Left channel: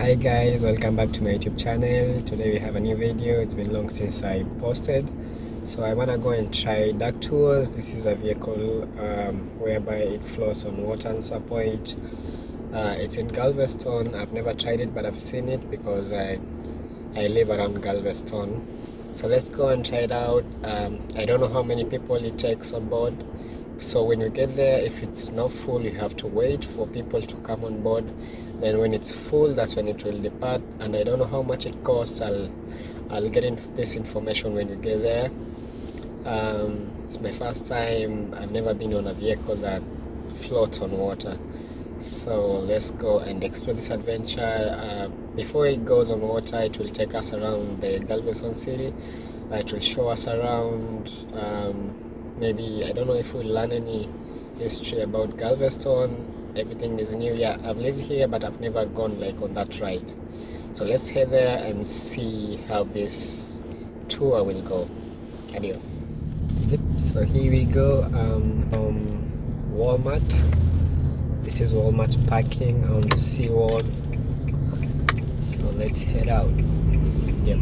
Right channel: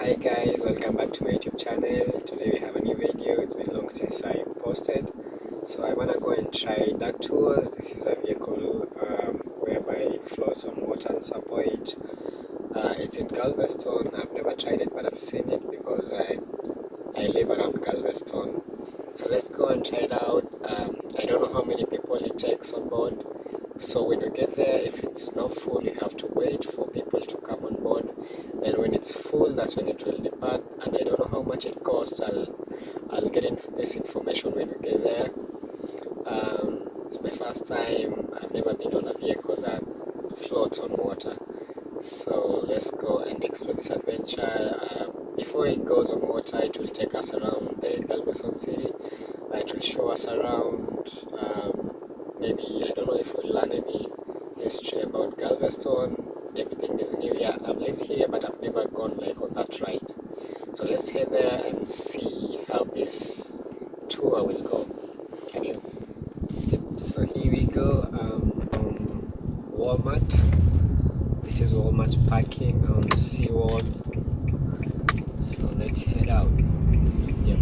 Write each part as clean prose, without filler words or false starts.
Hi guys, welcome back to my YouTube channel. Today we have a new video. It's been long since I posted, so I want to go and try duck tours. This is a vehicle whereby it floats on water at some point. It's in Galveston. I've never tried it, but I've seen it because I live around Galveston. So let's go and try it out. I don't know how many people it takes on board. So when you get there, if it's not full, you have to wait for people to come on board. Then when it's full, that's when it will depart. And I don't know how much it costs. I'll get this information when we get there. It's my first time. I've never been on a vehicle that floats on water. So let's go and explore this adventure. Before it goes on water, it will take us around the Galveston city. It will show us around. Maybe, I don't know if we'll learn any history about Galveston. Everything is new here. I've lived here, but I've never gone like on that ride. So let's head there and see how this tour will go. Adios. Yep, so here we go. Walmart. This is Walmart parking on Seawall. So let's head out. Yep.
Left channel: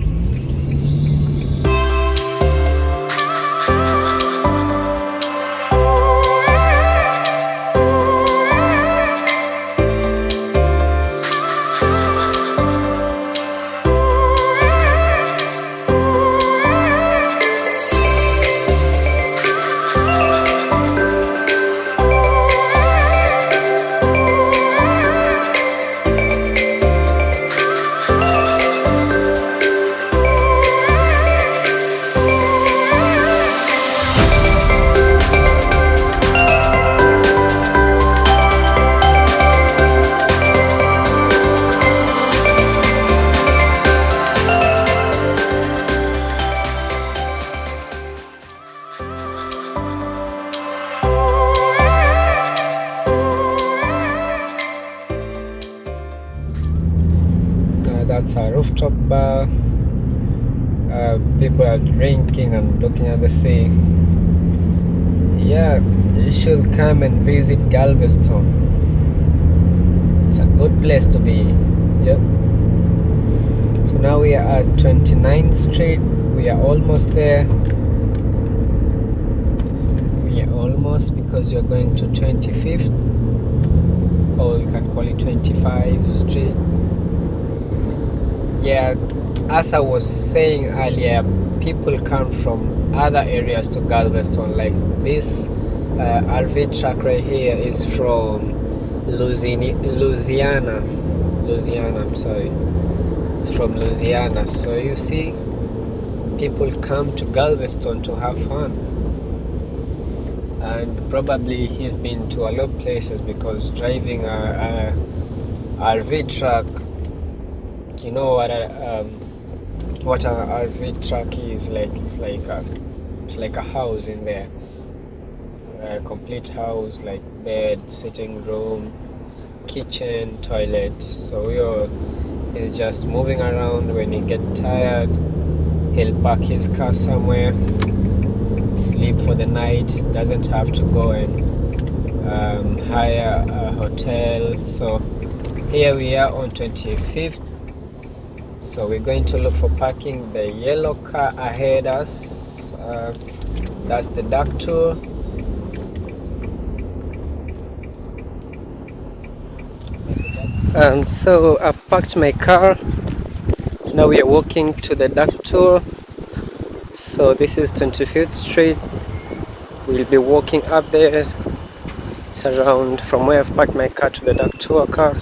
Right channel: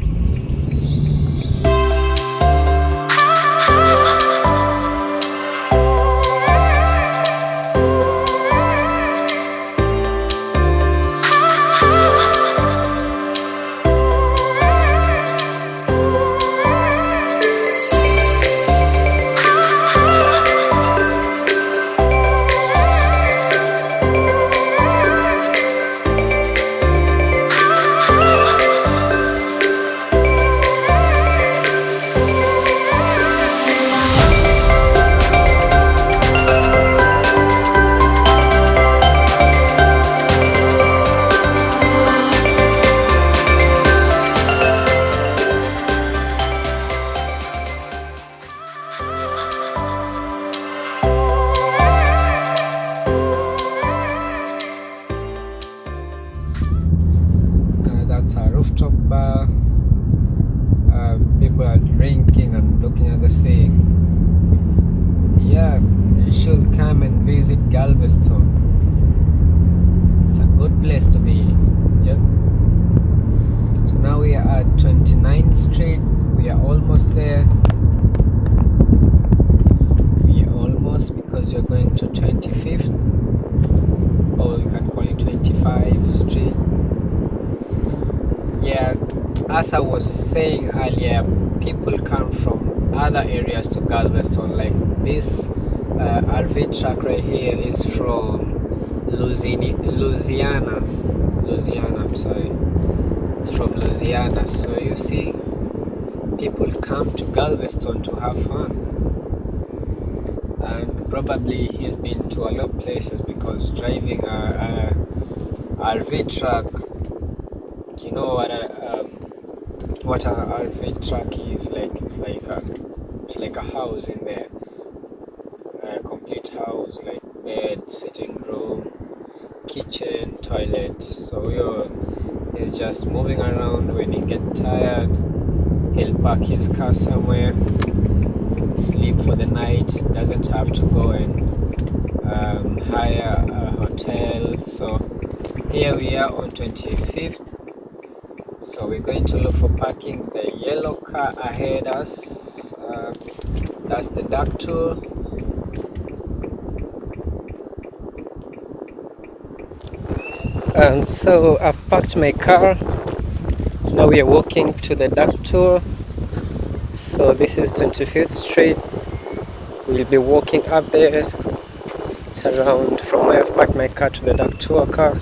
That's a rooftop bar. People are drinking and looking at the sea. Yeah, you should come and visit Galveston. It's a good place to be. Yep. So now we are at 29th Street. We are almost there. We are almost, because you're going to 25th, or you can call it 25th Street. Yeah, as I was saying earlier, people come from other areas to Galveston. Like this RV truck right here is from Louisiana. I'm sorry. It's from Louisiana. So you see, people come to Galveston to have fun. And probably he's been to a lot of places, because driving a RV truck, you know what a RV truck is like. It's like a house in there, a complete house, like bed, sitting room, kitchen, toilet. So he's just moving around. When he gets tired, he'll park his car somewhere, sleep for the night. Doesn't have to go and hire a hotel. So here we are on 25th. So we're going to look for parking. The yellow car ahead us, that's the duck tour. So I've parked my car. Now we are walking to the duck tour. So this is 25th Street. We'll be walking up there. It's around, from where I've parked my car to the duck tour car,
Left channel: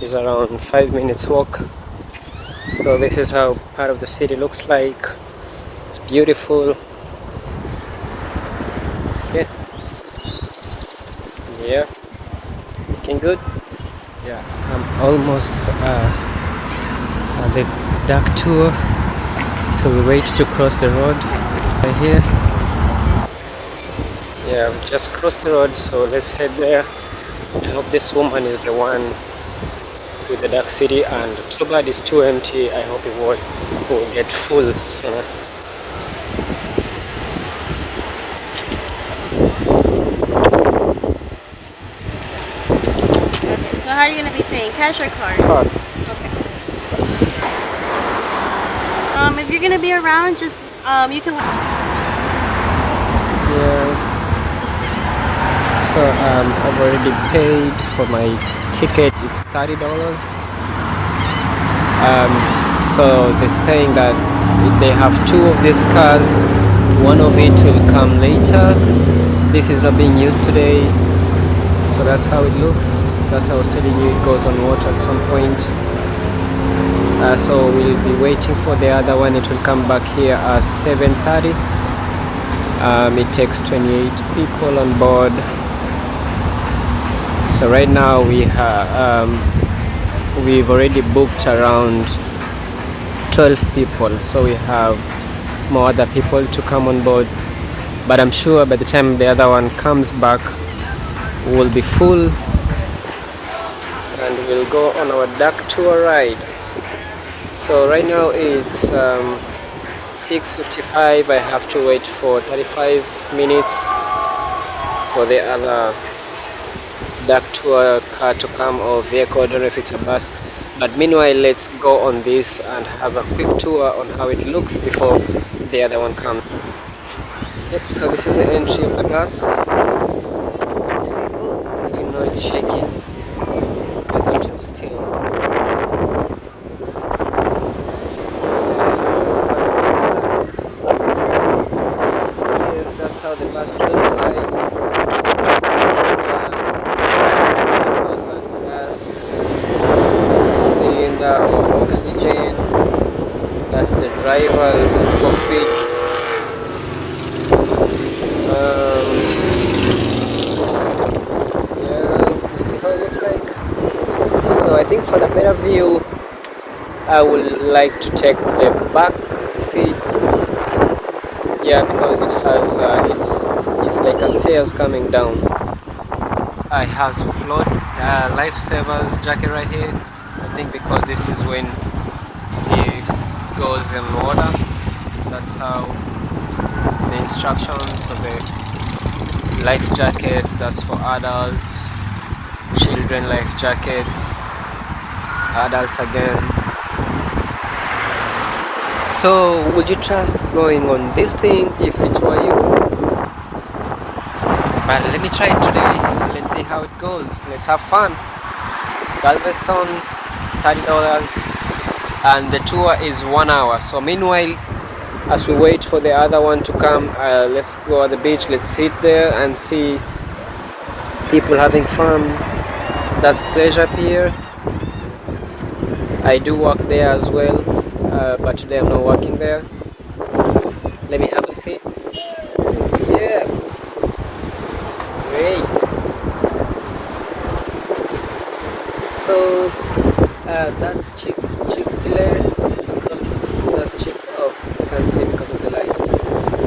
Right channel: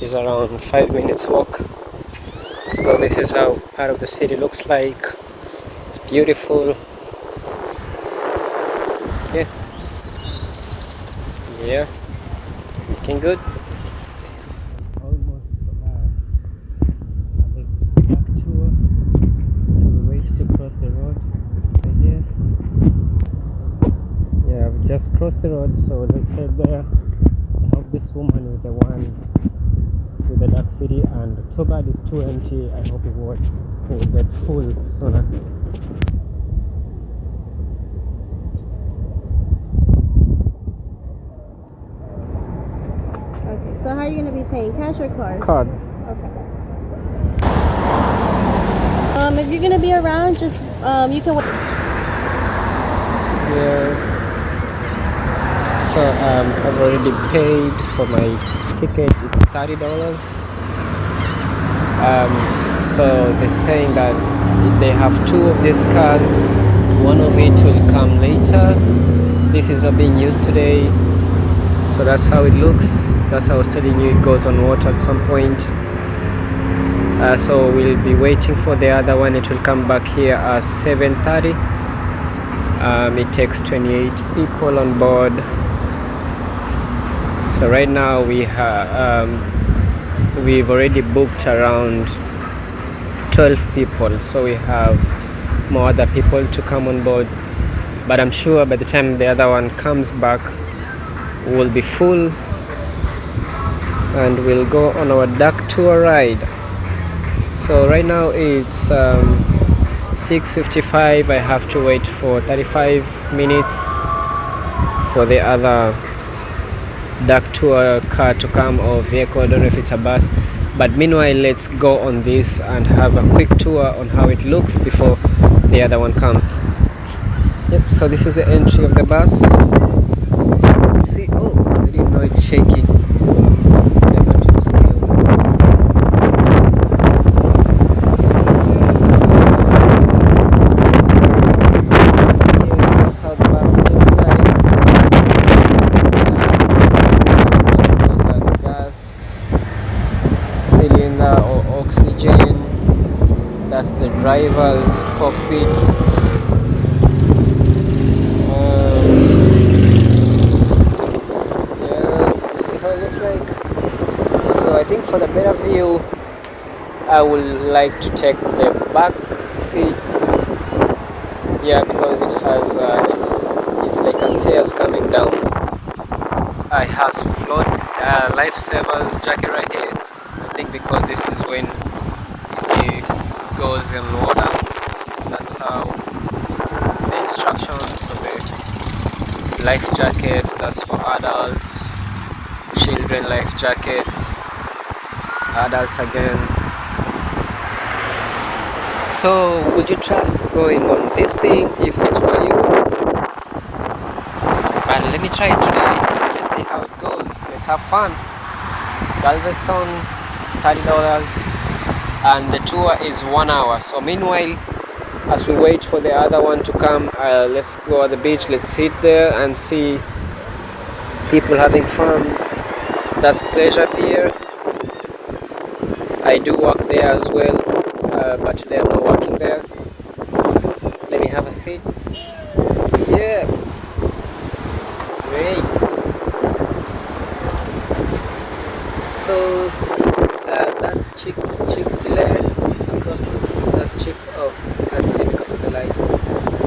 is around 5 minutes walk. So this is how part of the city looks like. It's beautiful. Yeah, looking good. Yeah, I'm almost at the duck tour. So we wait to cross the road right here. Yeah, we just crossed the road, so let's head there. I hope this woman is the one with the dark city, and too bad it's too empty. I hope it won't get full. So how are you going to be paying? Cash or card? card. Okay. If you're gonna be around, just you can. Yeah. So I've already paid for my ticket. It's $30. So they're saying that they have two of these cars. One of it will come later. This is not being used today. So that's how it looks. That's how I was telling you, it goes on water at some point. So we'll be waiting for the other one. It will come back here at 7:30. It takes 28 people on board. So right now we've already booked around 12 people. So we have more other people to come on board. But I'm sure by the time the other one comes back, we'll be full and we'll go on our duck tour ride. So right now it's 6:55. I have to wait for 35 minutes for the other duck tour car to come, or vehicle. I don't know if it's a bus, but meanwhile let's go on this and have a quick tour on how it looks before the other one comes. Yep, so this is the entry of the bus. See, oh, I didn't know it's shaky. I thought it was still. Yes, that's how the bus looks like. There's a gas cylinder or oxygen. That's the driver's cockpit. So I think for the better view, I would like to take the back seat. Yeah, because it has it's like a stairs coming down. It has float lifesavers jacket right here. I think because this is when it goes in water. That's how the instructions of the life jackets. That's for adults, children life jacket. Adults again. So would you trust going on this thing if it were you? But let me try it today. Let's see how it goes. Let's have fun. Galveston, $30, and the tour is 1 hour. So meanwhile, as we wait for the other one to come, let's go at the beach. Let's sit there and see people having fun. That's Pleasure Pier. I do work there as well, but today I'm not working there. Let me have a seat. Yeah, great. So that's Chick-fil-A across. That's oh, you can't see because of the light.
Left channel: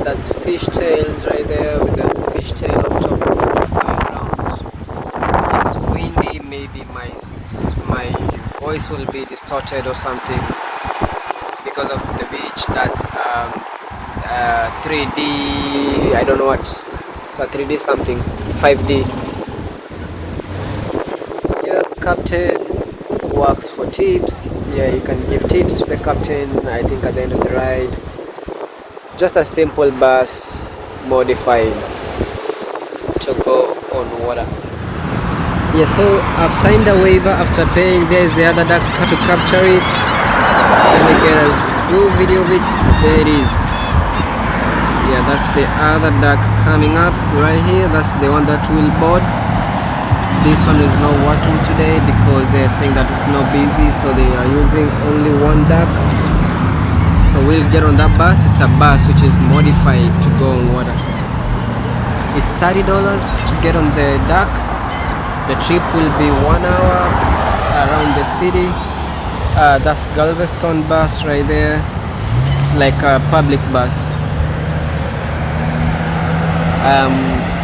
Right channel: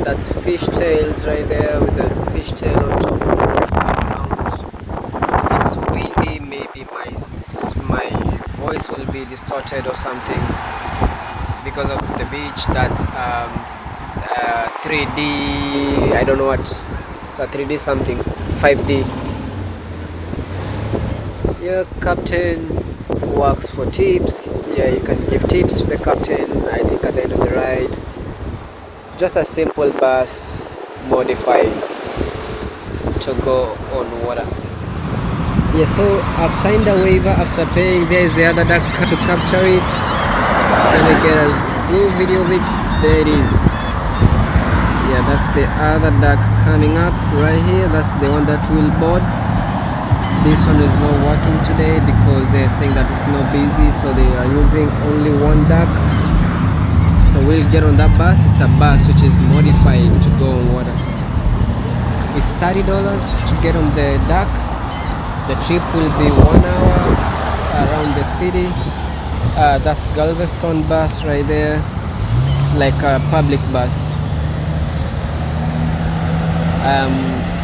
That's fishtails right there with the fishtail on top of the ground. It's windy. Maybe my voice will be distorted or something because of the beach. That's 3D. I don't know what. It's a 3D something. 5D. Yeah, captain works for tips. Yeah, you can give tips to the captain, I think, at the end of the ride. Just a simple bus modified to go on water. Yeah, so I've signed a waiver after paying. There's the other duck to capture it. Then again, I'll do a video of it. There it is. Yeah, that's the other duck coming up right here. That's the one that will board. This one is not working today because they're saying that it's not busy, so they are using only one duck. So we'll get on that bus. It's a bus which is modified to go on water. It's $30 to get on the duck. The trip will be 1 hour around the city. That's Galveston bus right there, like a public bus.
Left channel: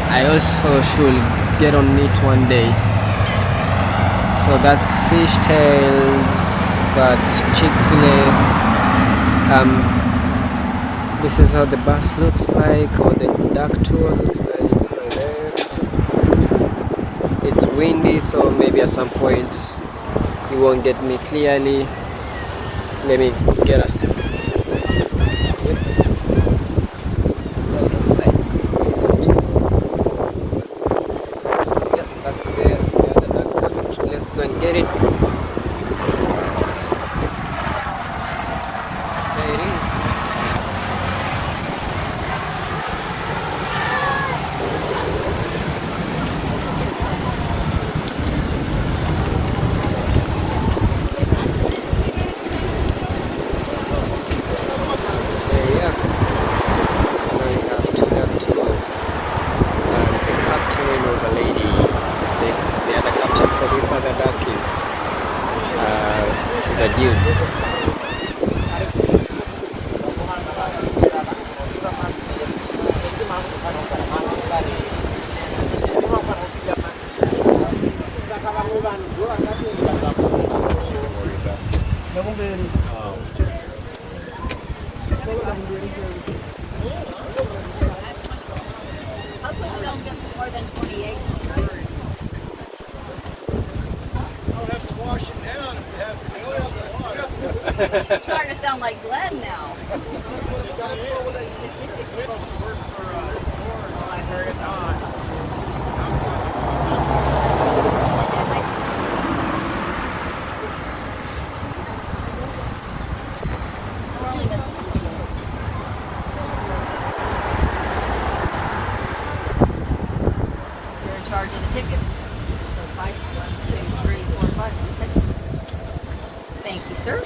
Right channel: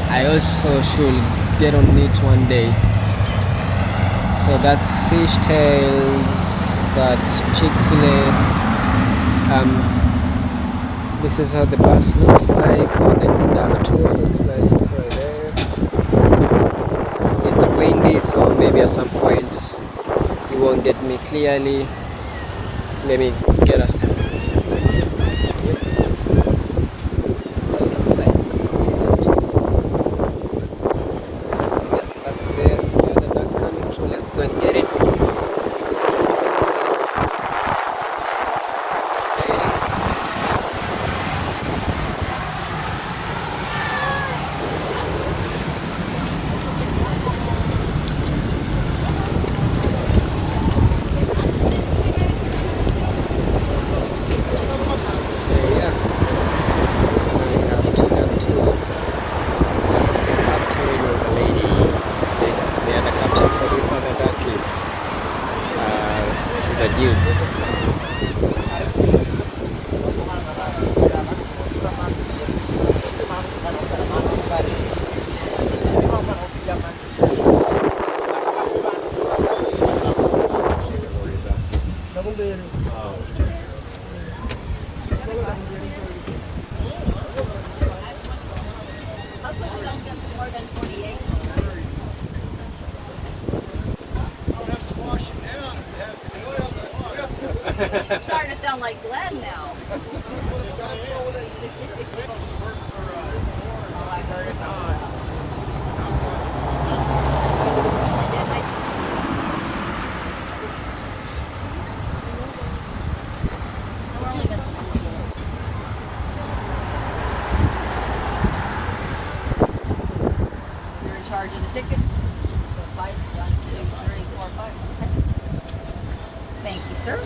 I also should get on it one day. So that's fishtails, that's Chick-fil-A. This is how the bus looks like, or the duck tour looks like right there. It's windy, so maybe at some point you won't get me clearly. Let me get us. on, get it. There it is. There you are. So now you have two duck tours. The captain was a lady. The other captain for this other duck is a dude. It's starting to sound like Glenn now. You're in charge of the tickets. So 5, 1, 2, 3, 4, 5. Okay. Thank you, sir.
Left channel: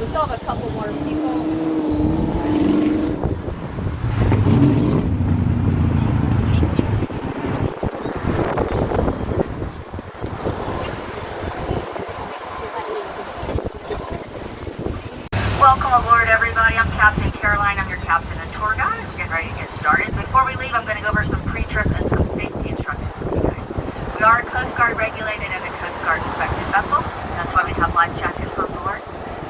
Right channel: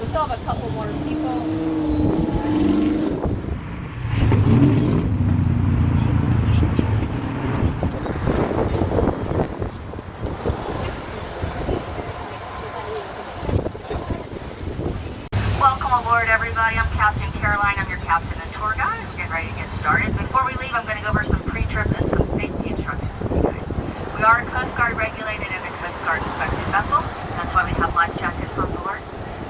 We still have a couple more people. Welcome aboard, everybody. I'm Captain Caroline. I'm your captain and tour guide. Let's get ready to get started. Before we leave, I'm going to go over some pre-trip and some safety instructions. We are Coast Guard regulated and a Coast Guard inspected vessel. That's why we have life jackets on board.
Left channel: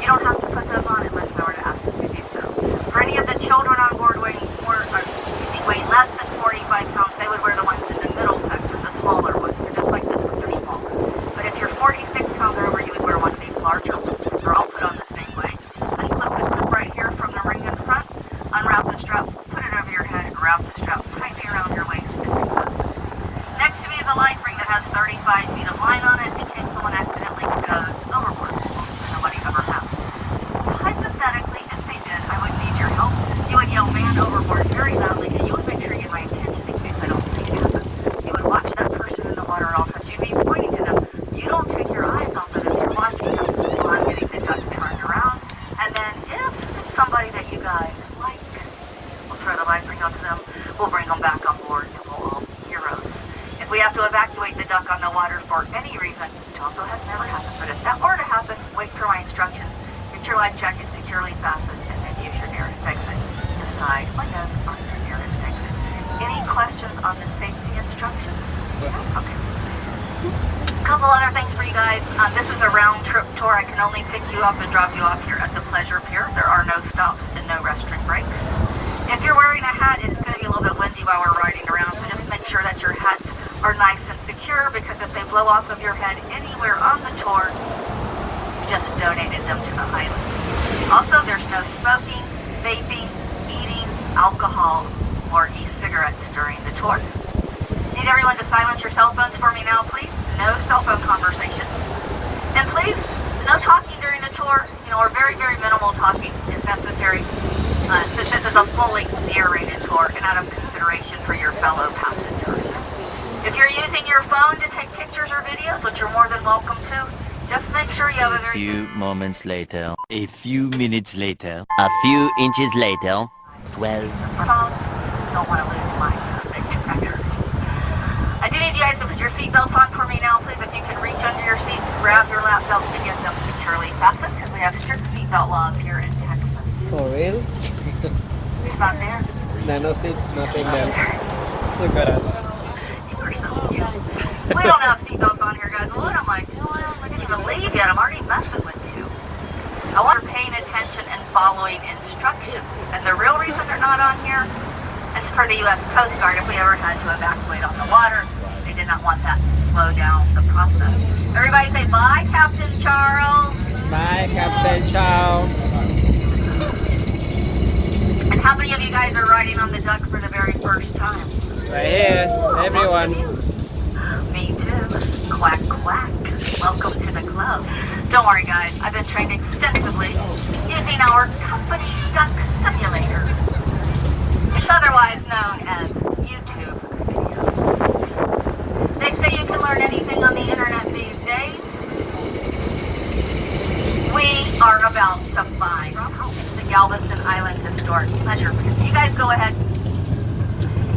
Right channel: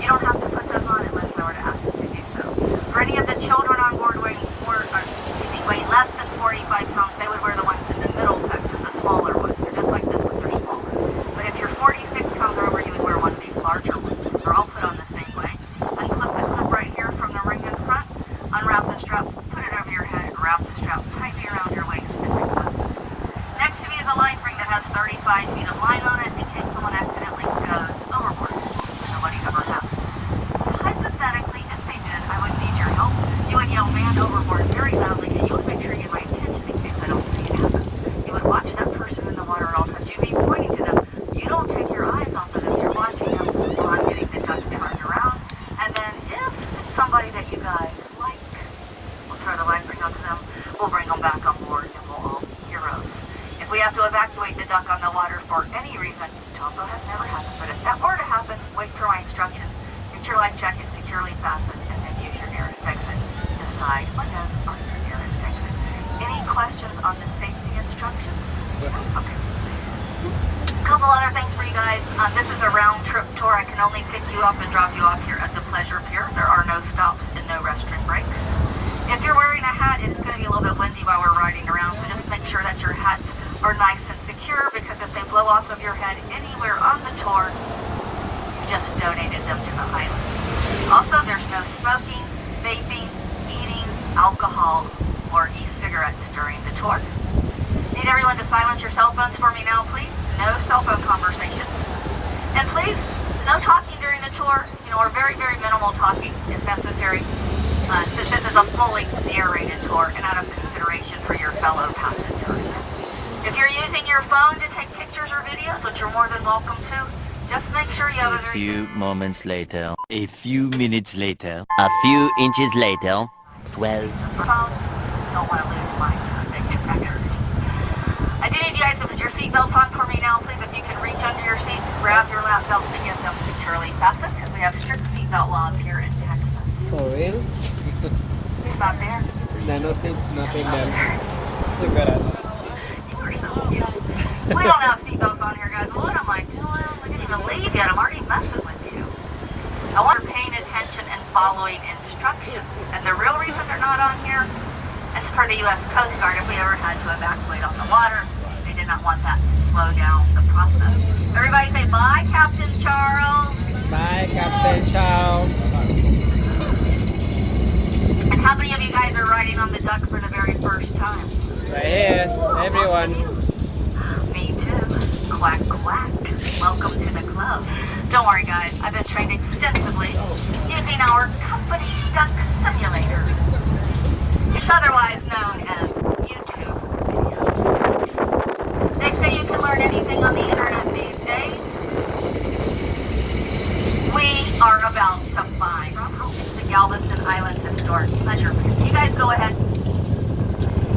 You don't have to put those on unless we were to ask you to do so. For any of the children on board weighing less than 45 pounds, they would wear the ones in the middle section, the smaller ones. They're just like this one, they're smaller. But if you're 46 pounds or over, you would wear one of these larger ones. They're all put on the same way. Unclip the clip right here from the ring in front, unwrap the strap, put it over your head, and wrap the strap tightly around your waist. Next to me is a life ring that has 35 feet of line on it in case someone accidentally goes overboard. Nobody ever has. Hypothetically, if they did, I would need your help. You would yell man overboard very loudly, and you would make sure you get my attention in case I don't see it happen. You would watch that person in the water at all times. You'd be pointing to them. You don't take your eyes off of them. You're watching them while I'm getting the duck turned around. And then if it's somebody that you guys like, we'll throw the life ring onto them. We'll bring them back on board, and we'll all heroes. If we have to evacuate the duck on the water for any reason, which also has never happened, but if that were to happen, wait for my instructions. Get your life jacket securely fastened, and then use your nearest exit. Decide what goes on to the nearest exit. Any questions on the safety instructions? Yeah. Okay. A couple other things for you guys. This is a round trip tour. I can only pick you up and drop you off here at the Pleasure Pier. There are no stops and no restroom breaks. If you're wearing a hat, it's going to be a little bit windy while we're riding around, so just make sure that your hats are nice and secure, because if they blow off of your head anywhere on the tour, you just donated them to the island. Also, there's no smoking, vaping, eating, alcohol, or e-cigarettes during the tour. Need everyone to silence your cell phones for me now, please. No cell phone conversations. And please, no talking during the tour, or very, very minimal talking is necessary. Since this is a fully narrated tour and out of consideration for your fellow passengers. If you're using your phone to take pictures or videos, which you're more than welcome to, just make sure you have A few moments later, a few minutes later, a few inches later, 12. Don't want to lose my record. I do need you guys to put your seatbelts on for me now, please. If you can reach under your seats, grab your lap belts and get them securely fastened, because we have strict seatbelt laws here in Texas. For real? Who's not there? No seat belts. Look at us. We don't have seatbelts on here, guys. What am I doing? We didn't even leave yet. I'm already messing with you. I want you paying attention and following instructions. And the real reason they're not on here is for the U.S. Coast Guard. If we ever had to evacuate on the water, they did not want that to slow down the process. Everybody say bye, Captain Charles. Bye, Captain Charles. And how many of you guys are riding on the duck for the very first time? Right here, everyone. Me too. Quack, quack. Don't worry guys, I've been trained extensively using our company duck simulator. It's otherwise known as YouTube. They say you can learn anything on the internet these days. We are about to find the Galveston Island Historic Pleasure Pier. You guys go ahead.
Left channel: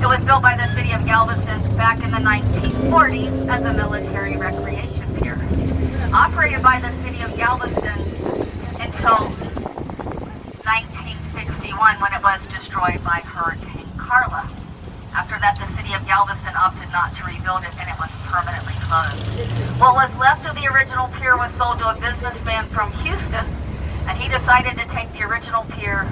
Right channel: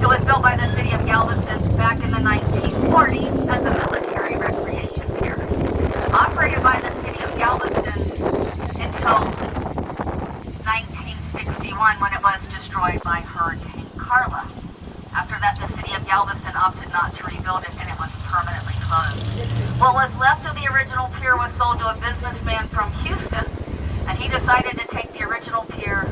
It was built by the city of Galveston back in the 1940s as a military recreation pier. Operated by the city of Galveston until 1961 when it was destroyed by Hurricane Carla. After that, the city of Galveston opted not to rebuild it and it was permanently closed. What was left of the original pier was sold to a businessman from Houston, and he decided to take the original pier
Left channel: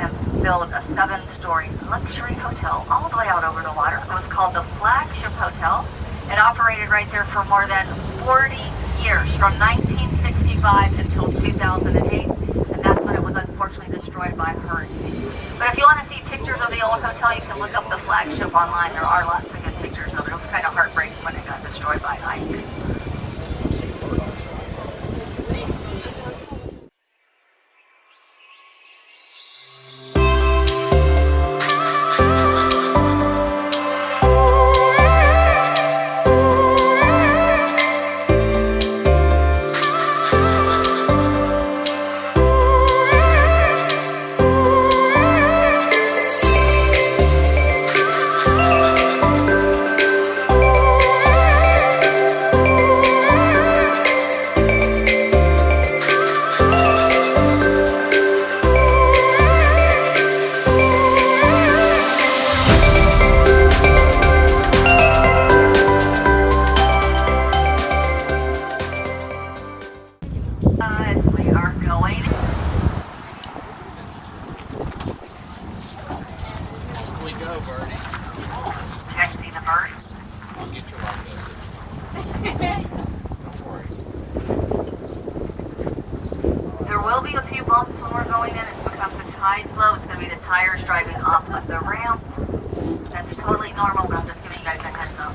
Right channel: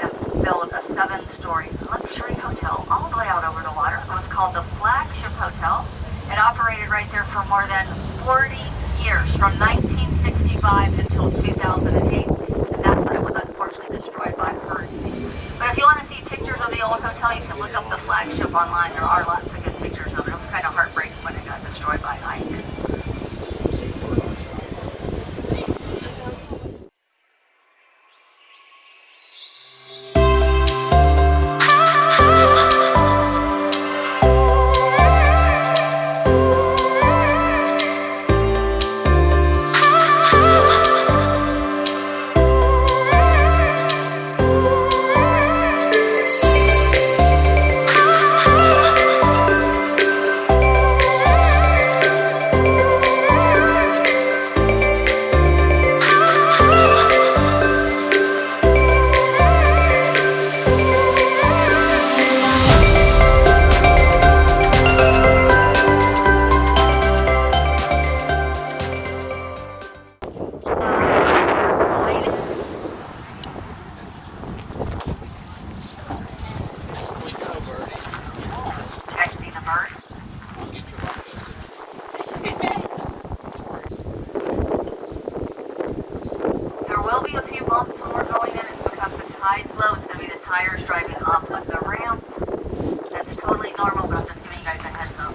and build a 7-story luxury hotel all the way out over the water. It was called the Flagship Hotel. It operated right there for more than 40 years, from 1965 until 2008, and that's when it was unfortunately destroyed by hurricane. But if you want to see pictures of the old hotel, you can look up the Flagship online. There are lots of good pictures of it. It was kind of heartbreaking when it got destroyed by Ike. There will be a few bumps when we're going in. It's because the tide's low. It's going to be the tires driving off of the ramp. That's totally normal, but I'm just giving you guys a heads up.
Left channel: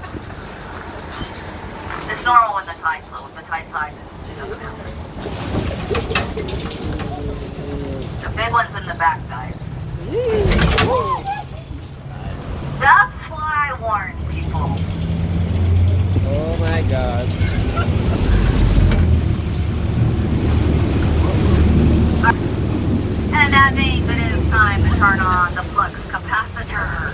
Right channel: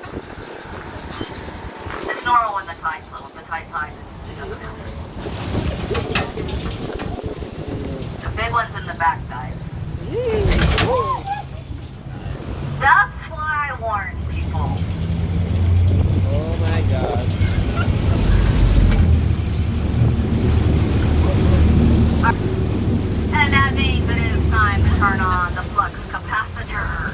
It's normal when the tide's low. If the tide's high, it's the big one's in the back, guys. That's why I warn people. Oh my God. And that means it is time to turn on the flux capacitor.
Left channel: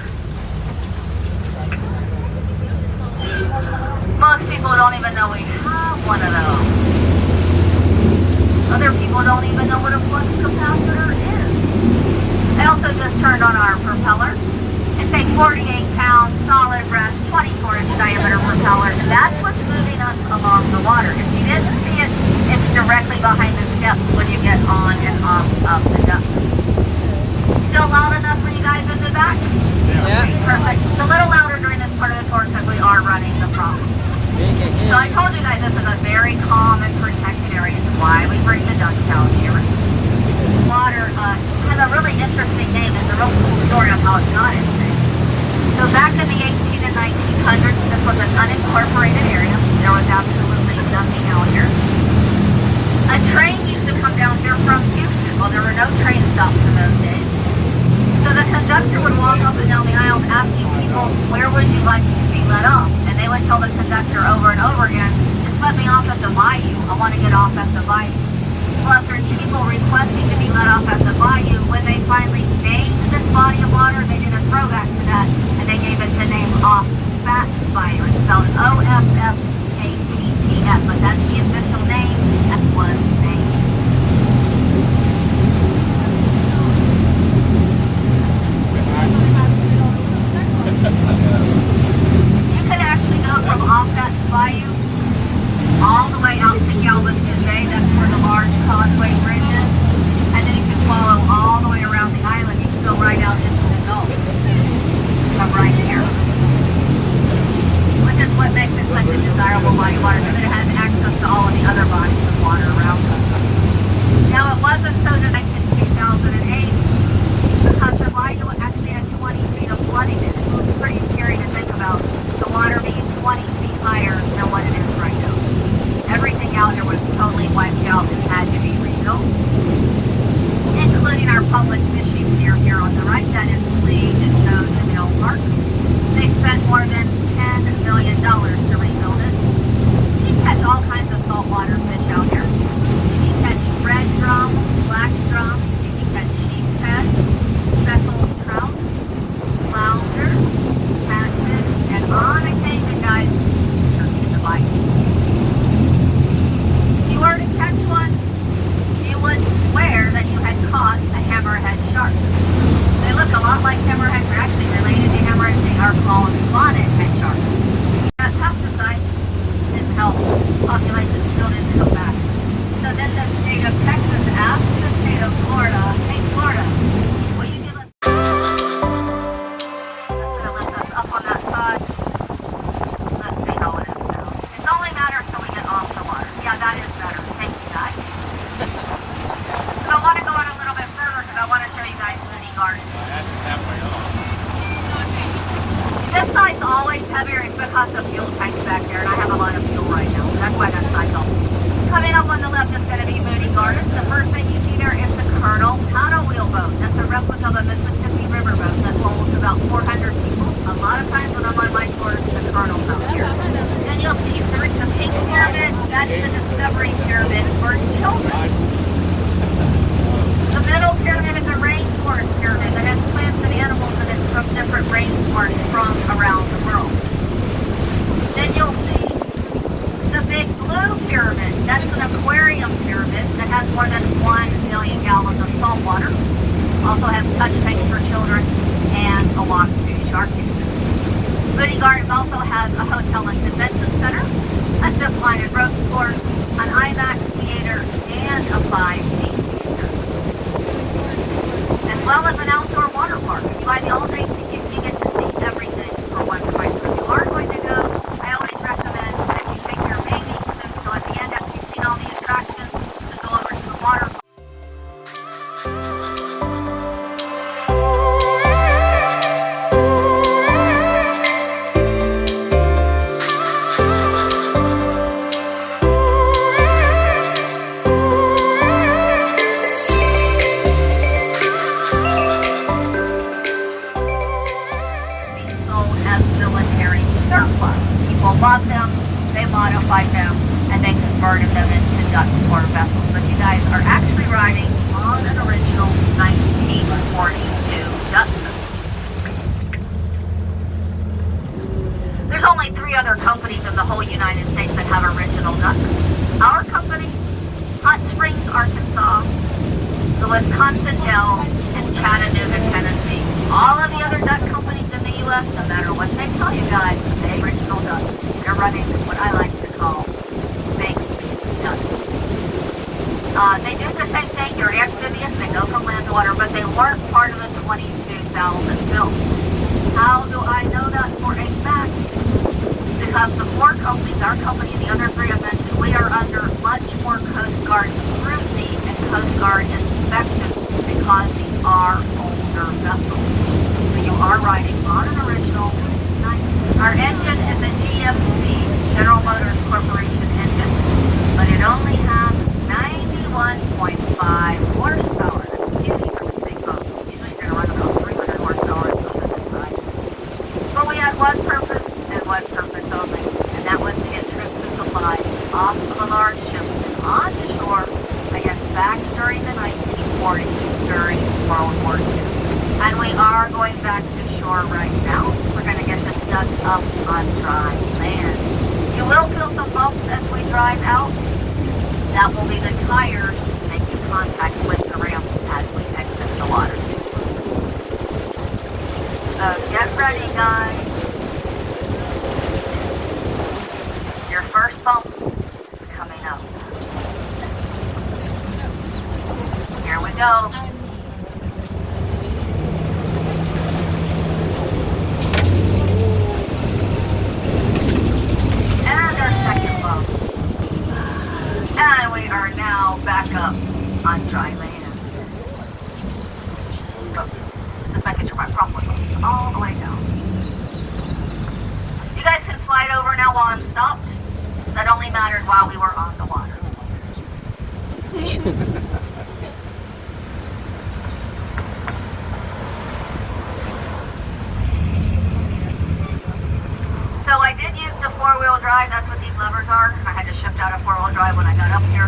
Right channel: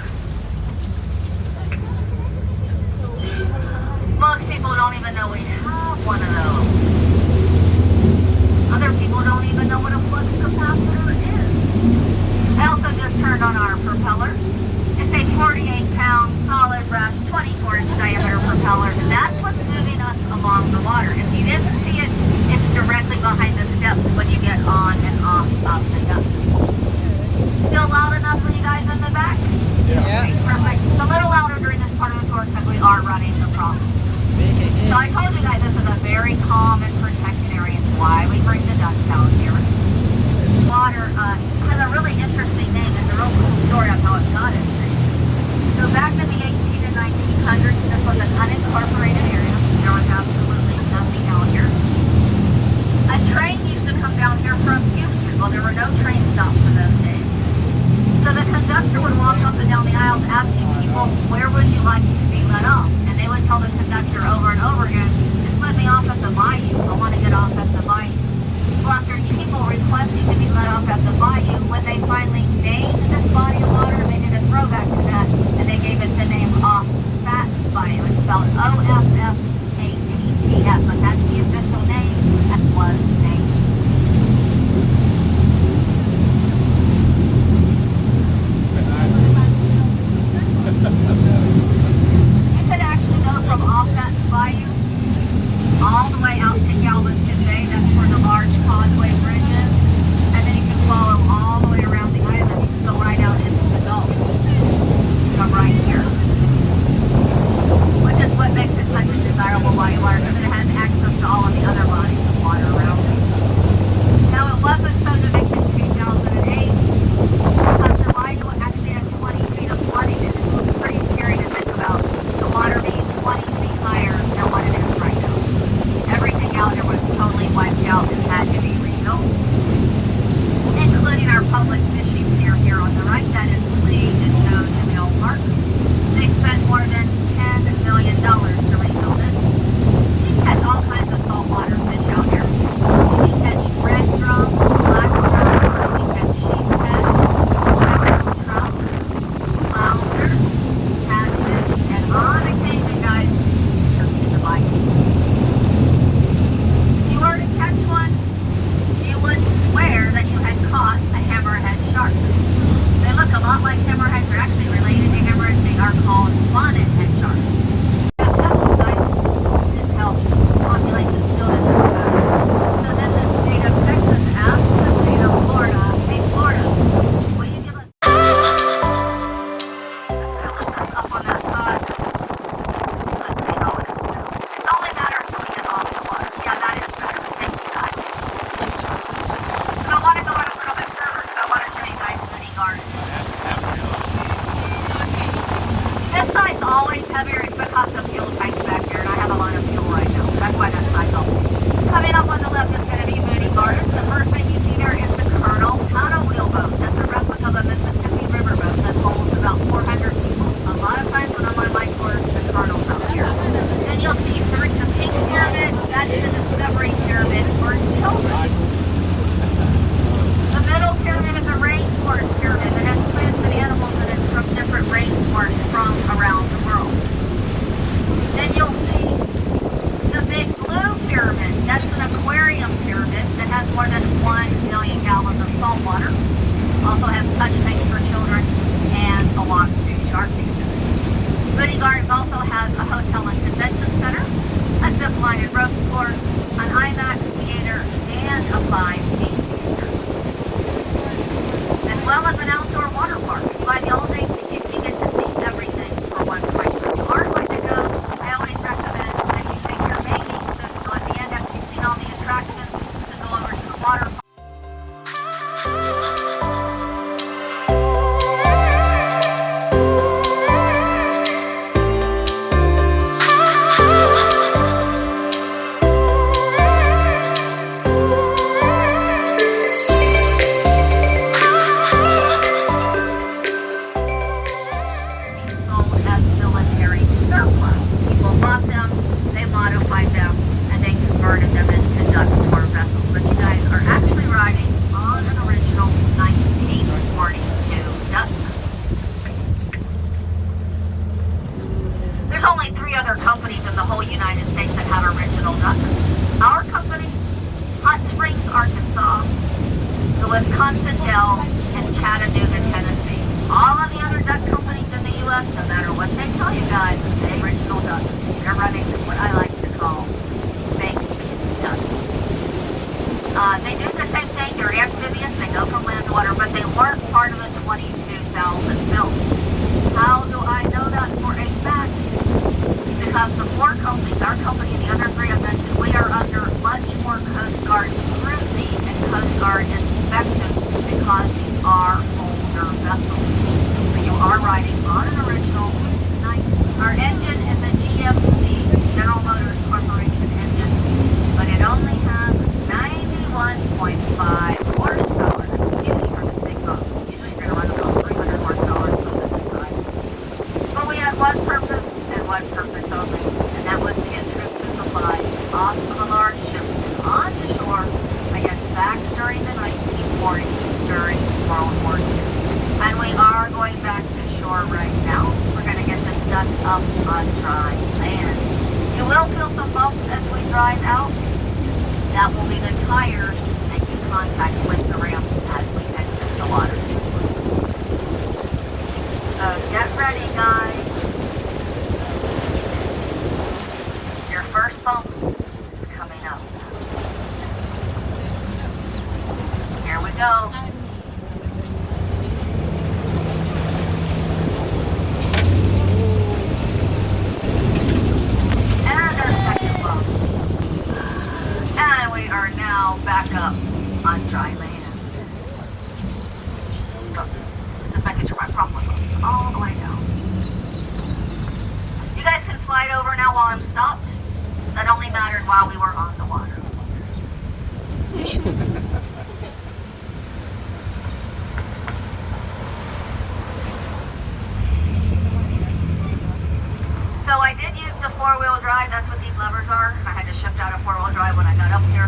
Most people don't even know we have one of those. Other people don't even know what a flux capacitor is. I also just turned on our propeller. It's a 48-pound solid brass 24-inch diameter propeller, and that's what's moving us along the water. If you didn't see it, it's directly behind the steps when you get on and off of the duct. Still loud enough for you guys in the back? Yeah. Perfect. It's a little louder during this part of the tour because we are running the problem. So I told you guys this is a very calm and protected area. It's why we bring the ducks out here. Water has a really interesting name. It's a real cool story of how it got its name. So back in the 1800s and 1900s, this was an unincorporated area. There was absolutely nothing out here. A train used to come down here from Houston. Well, there were no train stops in those days. So the conductor would walk up and down the aisles asking people, where would you like to be let off? And they would tell the conductor over and over again, just let me off at the bayou. I want to get off at the bayou. Well, after people requesting to be let off at the bayou, when they finally named this body of water, they did a throwback to that, and they gave it the name Offspat Bayou. It's spelled O-F-F-A-T-T-S, but that's the official name that was named. You could actually go from Offspat Bayou all the way out to Galveston Bay. That's where the large causeway bridge is. And then you can follow all the way around the island. You can go right out into the Gulf. Come right here. Which is what makes it such a desirable body of water, because it has access to all of the other bodies of water around us. Now, it wasn't so that in 2008, because the bayou actually had 20 feet of flooding in it. It's pretty scary to think about. The water being 20 feet higher than what it is right now. Everything out here was totally another public fishing pier here on the right. That is LiQWYD and no Canal Park. They spent more than $10 million to rebuild it. You can catch all kinds of saltwater fish out here. You can catch red drum, black drum, you can catch sheephead, speckled trout, flounder, catfish, and on occasion, guys, turkey delight. If you were to catch one, you would swear that you had caught a hammerhead shark. They look a lot like hammerheads. They're actually related to hammerheads. They are called spotted head sharks. That pesticides didn't help. Population still didn't come back. So then the state of Texas asked the state of Florida, hey Florida, will you give us... Let's lift us up on that side. Let's see how it is now. It's only a matter of pulling it off the water. Yeah, that is better. Thank you, guys. So I want to go on a little bit further because I want to show you guys Moody Garden. This side's always heavier because the fuel tank's back there, and I have a lot of fuel right now. That's why this side's all. Coming up on the left is going to be Moody Garden. The first thing you see there is the Colonel paddle wheel boat. That's a replica of a Mississippi River boat that holds about 400 people. A lot of times when I'm on my tours, the Colonel's out here. Then you'll see the pink pyramid. That's the Discovery Pyramid for children. The middle pyramid is a rainforest pyramid that has plants and animals in it from different rainforests from around the world. Then you'll see the big blue pyramid. That's an aquarium pyramid that has more than 1 million gallons of salt water. Also has touch tanks for children and a walk-through shark exhibit. Moody Gardens also has a hotel and convention center, a zip line and rope course, an IMAX theater, and a 5D as well as an outdoor water park. You buy the all-day ticket, you get to see everything for one price. If you are going to go, I always recommend that you take your baby, so at the end after you've seen all the attractions, to go over to the water park. Love them, they modified them, and they converted them into duck-to-water vessels. But you guys are actually riding on an original 1942 duck. There's only 3 other companies in the whole United States that have original ducks. Our company, Hot Springs, Arkansas, the Wisconsin Dells, and Chattanooga, Tennessee. All of the other duck companies in the U.S., no matter what they tell you guys, they original ducks. They're running what I like to call fake ducks. They do the same thing. They're amphibious. They go from land to water, but they weren't part of the 22,000 built. How do I know that for a fact? Because the 4 companies, our company and the other 3 I mentioned, we are under much more Coast Guard scrutiny and Coast Guard inspection because these are older vessels. So you are riding on an original. Our engine is a GMC, General Motors Corporation engine, but it only has 91.5 horsepower. That's huge for this big boat. Usually you're going to run about 300 horsepower or something inside. But we had one purpose and one purpose only, and that was to get troops and supplies off of a large ship and on the shore, I guess back during the 1940s, during World War II. And we are going back to shore right now. We're going to get this duck up on dry land. You will feel some bumps as we drive out. That will be the tires making contact with the ramp as we exit the water. So get ready, guys. Your first bump is coming up. Here we go. And we are now back up on dry land. Just making sure my prop was all the way down. You guys can slide over now while I'm stopped. That only mattered while we were on the water. 1, four-wheel drive when I got up here.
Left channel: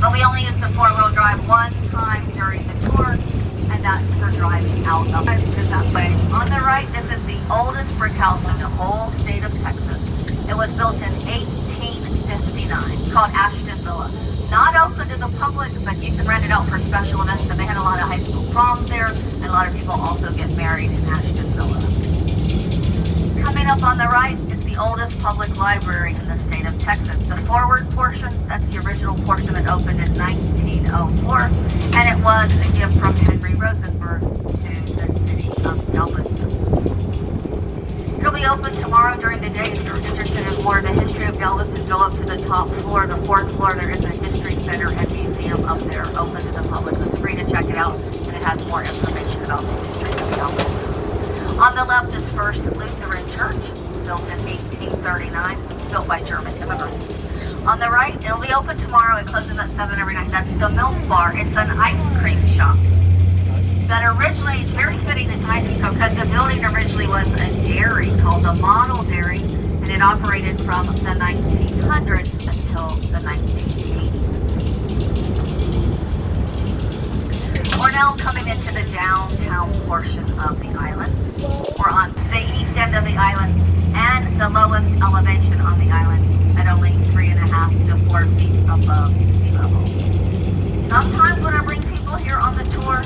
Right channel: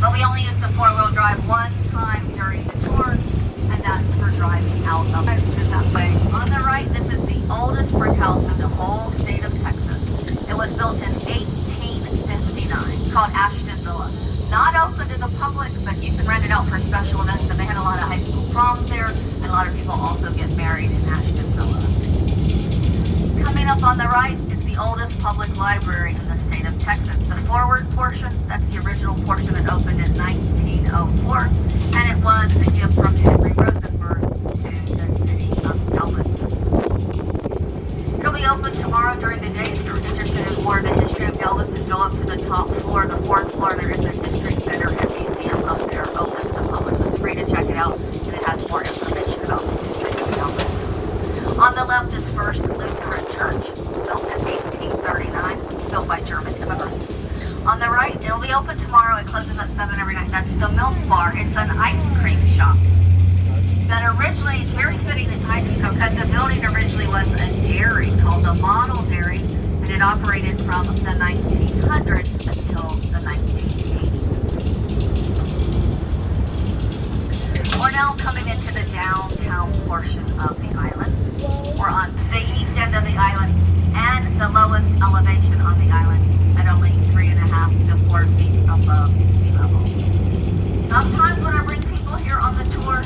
But we only used the four-wheel drive one time during the tour, and that's for driving out of it that way. On the right, this is the oldest brick house in the whole state of Texas. It was built in 1859, called Ashton Villa. Not open to the public, but you can rent it out for special events, and they had a lot of high school proms there, and a lot of people also get married in Ashton Villa. Coming up on the right is the oldest public library in the state of Texas. The forward portion, that's the original portion that opened in 1904, and it was a gift from Henry Rosenberg to the city of Galveston. It'll be open tomorrow during the day. If you're interested in more of the history of Galveston, go up to the top floor, the fourth floor. There is a history center and museum up there, open to the public. It's free to check it out, and it has more information about the history of Galveston. On the left is First Lutheran Church, built in 1839, built by German immigrants. On the right, it'll be open tomorrow. It closes at 7 every night. That's the Milk Bar. It's an ice cream shop. That originally, it's very fitting the time because the building originally was a dairy called the Model Dairy, and it operated from the 1900s until the 1980s. We're now coming into the downtown portion of the island. We're on the east end of the island and the lowest elevation on the island at only 3.5 to 4 feet above sea level. Sometimes when I bring people here on the tour,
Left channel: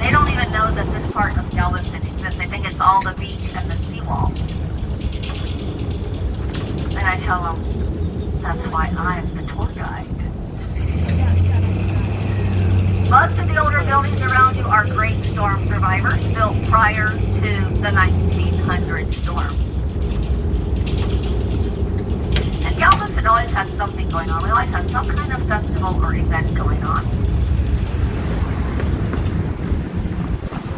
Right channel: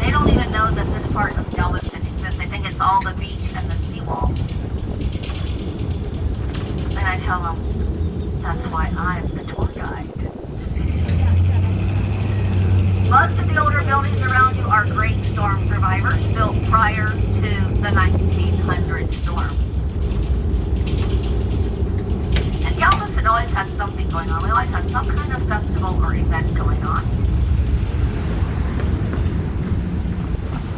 they don't even know that this part of Galveston exists. They think it's all the beach and the seawall. And I tell them, that's why I'm the tour guide. Most of the older buildings around you are great storm survivors, built prior to the 1900 storm. And Galveston always has something going on. We always have some kind of festival or event going on.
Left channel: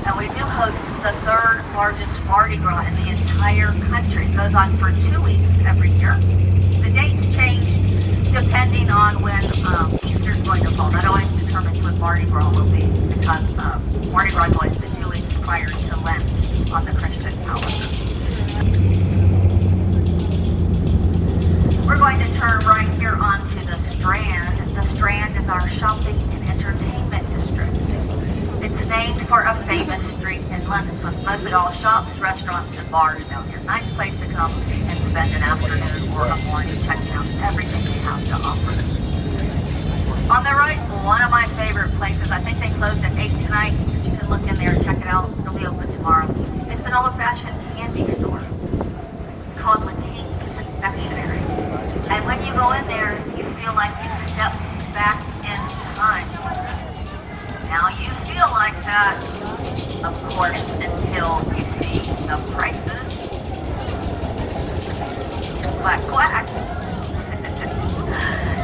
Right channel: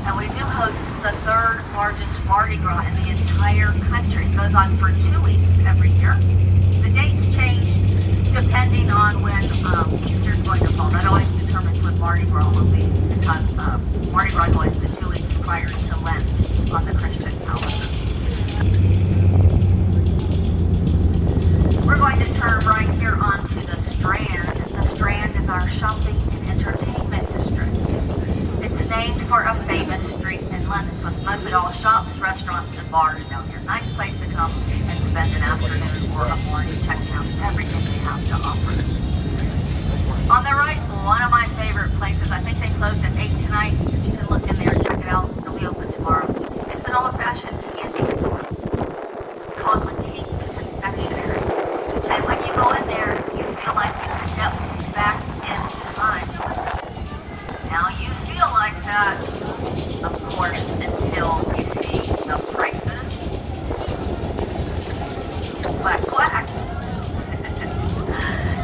And we do host the third largest Mardi Gras in the entire country. It goes on for 2 weeks every year. The dates change depending on when Easter is going to fall. That always determines when Mardi Gras will be, because Mardi Gras is always the 2 weeks prior to Lent on the Christian calendar. We're going to turn right here onto the Strand. The Strand is our shopping and entertainment district. It's named for a famous street in London with mostly all shops, restaurants, and bars down here. Nice place to come and spend an afternoon or a morning checking out everything we have to offer. On the right, one of my favorite places. I think they closed at 8 tonight. You can look in there and check it out. It'll be open tomorrow. It's an old-fashioned candy store called LiQWYD Confectionery. And when you go in there, you feel like you step back in time. Now you feel like that, of course, until you see the prices. Quack, quack.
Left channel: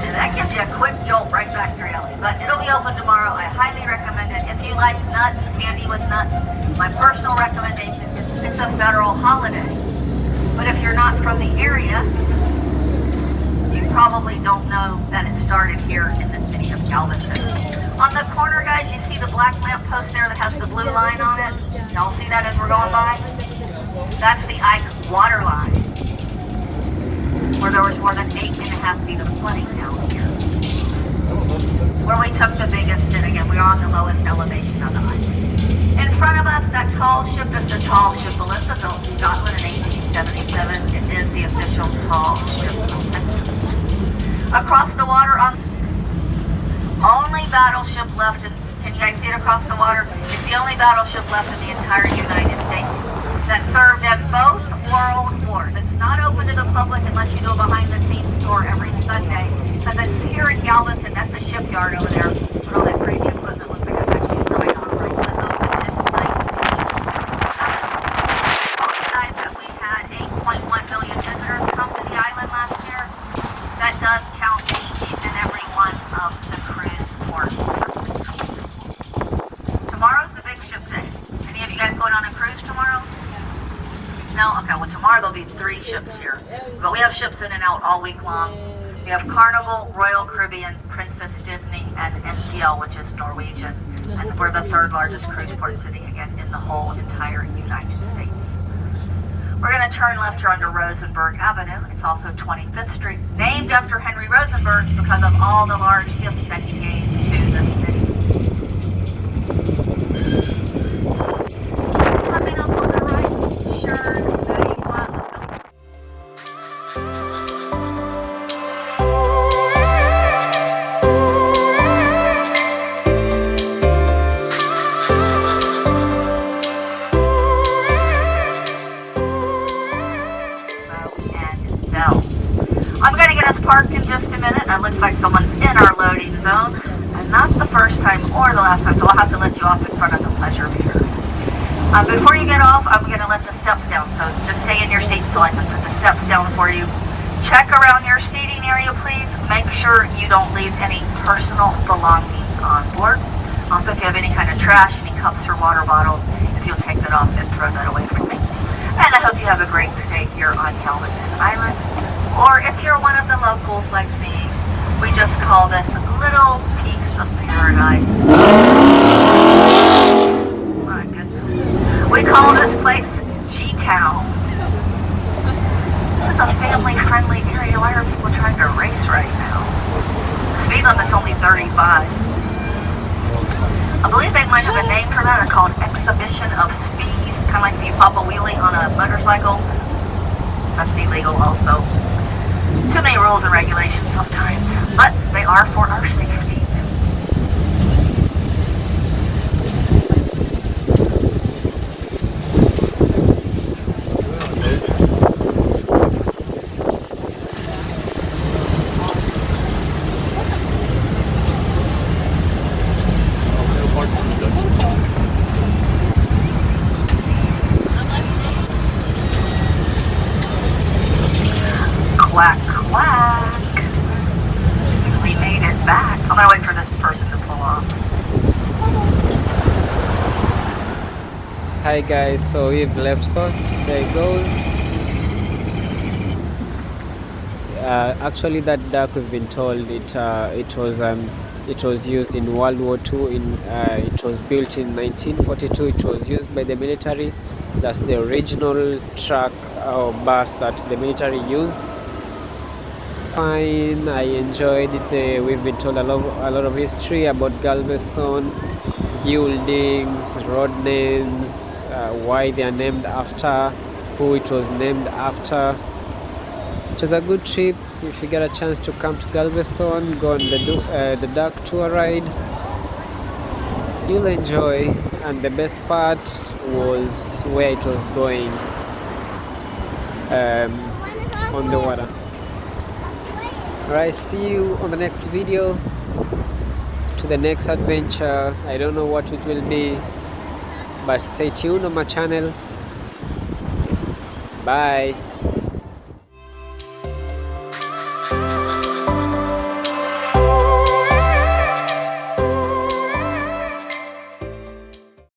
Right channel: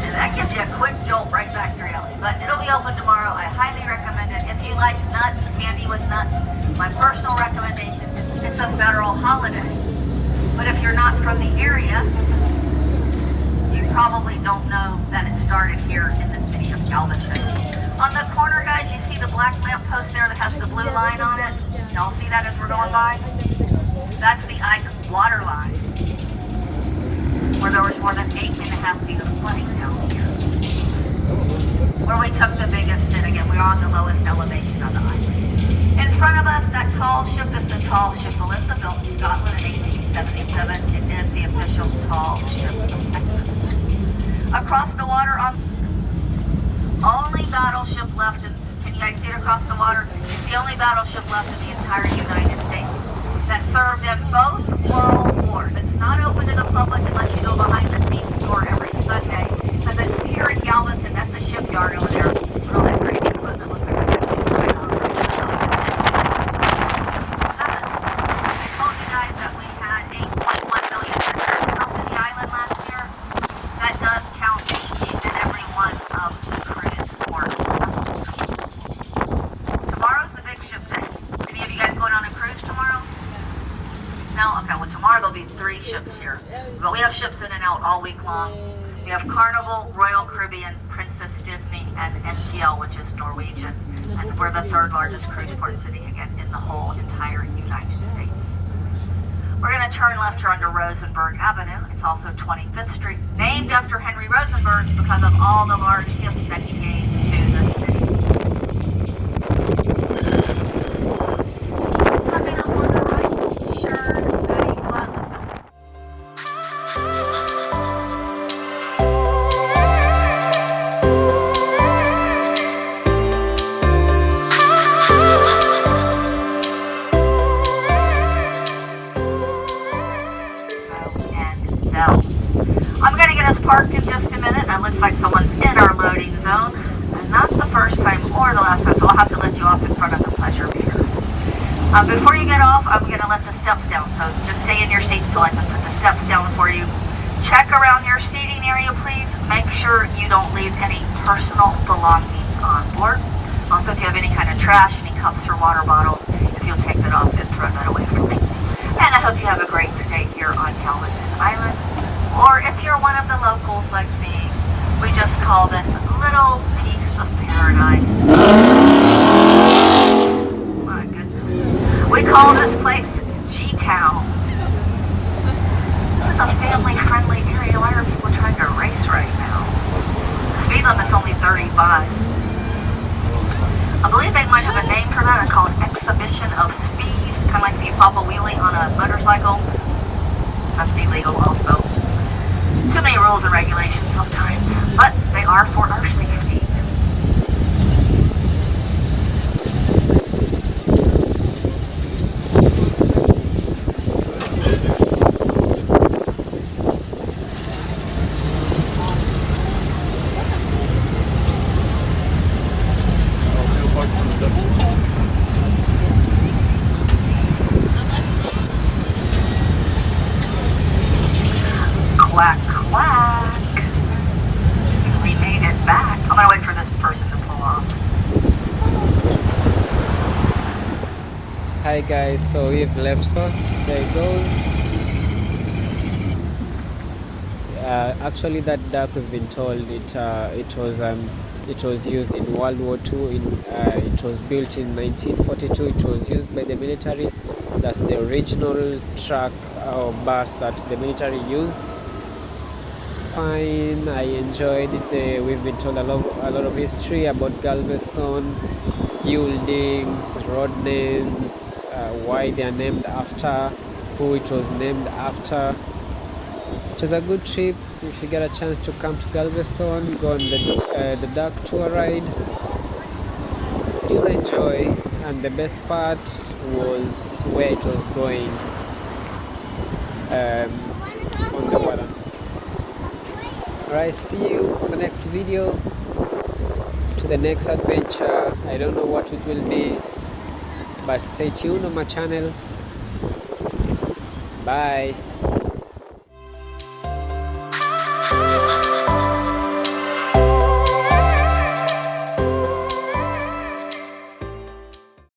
And that gives you a quick jolt right back to reality. But it'll be open tomorrow. I highly recommend it. If you like nuts, candy with nuts, my personal recommendation is it's a federal holiday. But if you're not from the area, you probably don't know that it started here in the city of Galveston. On the corner, guys, you see the black lamppost there that has the blue line on it? Y'all see that as we're going by? That's the ice water line, where there was more than 8.5 feet of flooding down here. Where we took the biggest hit. Again, we're on the lowest elevation of the island. In front of us, that tall ship is the tall ship Melissa, built in Scotland in 1877. It is the official tall ship of Texas. Across the water on only battleship left in, can you guys see it across the water? It's the only battleship left in the entire United States that served at both World Wars. It's not open to the public unless you go behind the scenes tour every Sunday. Because it's here in Galveston, that's the shipyard over there. All that pretty equipment looks like it's right on. I told you guys that we had 8.1 million visitors come to the island last year. That does count each and every one of the cruise ports. Tomorrow's the big ship day. Any of you guys going on a cruise tomorrow? No? Okay, well tomorrow there'll be 3 ships here. But we have ships in and out all week long. We have Carnival, Royal Caribbean, Princess Disney, and NCL, which is Norwegian. And we're the 3rd largest cruise port city again in the whole entire United States. We're going to turn left here onto Rosenberg Avenue. It's also 25th Street, named after Henry Rosenberg because of all the large gifts that he gave to the city. Coming up on the right, Sure City Plaza. I'm going to get us parked in just a minute. It looks like someone's in our loading zone. And not the first time or the last time, so I'll have to let you off in front of the pleasure reader. Before you get off, I'm going to let the steps down. So just stay in your seat so I can put the steps down for you. Check around your seating area, please. Make sure you don't leave any personal belongings on board. Also, if you have any kind of trash, any cups or water bottles, if you'll take that off and throw that away from me. And I hope you have a great stay here on Galveston Island. Or if you're one of the locals like me, we just call this little piece of paradise. My goodness. We call this place G-Town. It's a family-friendly area. Why are people trying to race right now? The speed limit's only 35. I believe they might have a name for that. It's called Exhibition of Speed. Kind of like if you pop a wheelie on a motorcycle. That's illegal also. Too many rules and regulations sometimes, but they are for our safety. Quack, quack. We made it back. I'm gonna wait for this person to pull off. Hi guys, so we've left. There it goes. Actually, that duck, we've been told it was used in World War II. It was built in 1942. It was used by the military. That's the original truck or bus that the military used. Fine, I enjoyed it. We've been told a lot of history about Galveston, buildings, road names, why they are named after, who it was named after. It was a good trip. If you get a chance to come to Galveston, go on the duck tour ride. You'll enjoy, and the best part was where it was going on the water. Alright, see you on the next video, to the next adventure. I don't know what it will be, but stay tuned on my channel. Bye.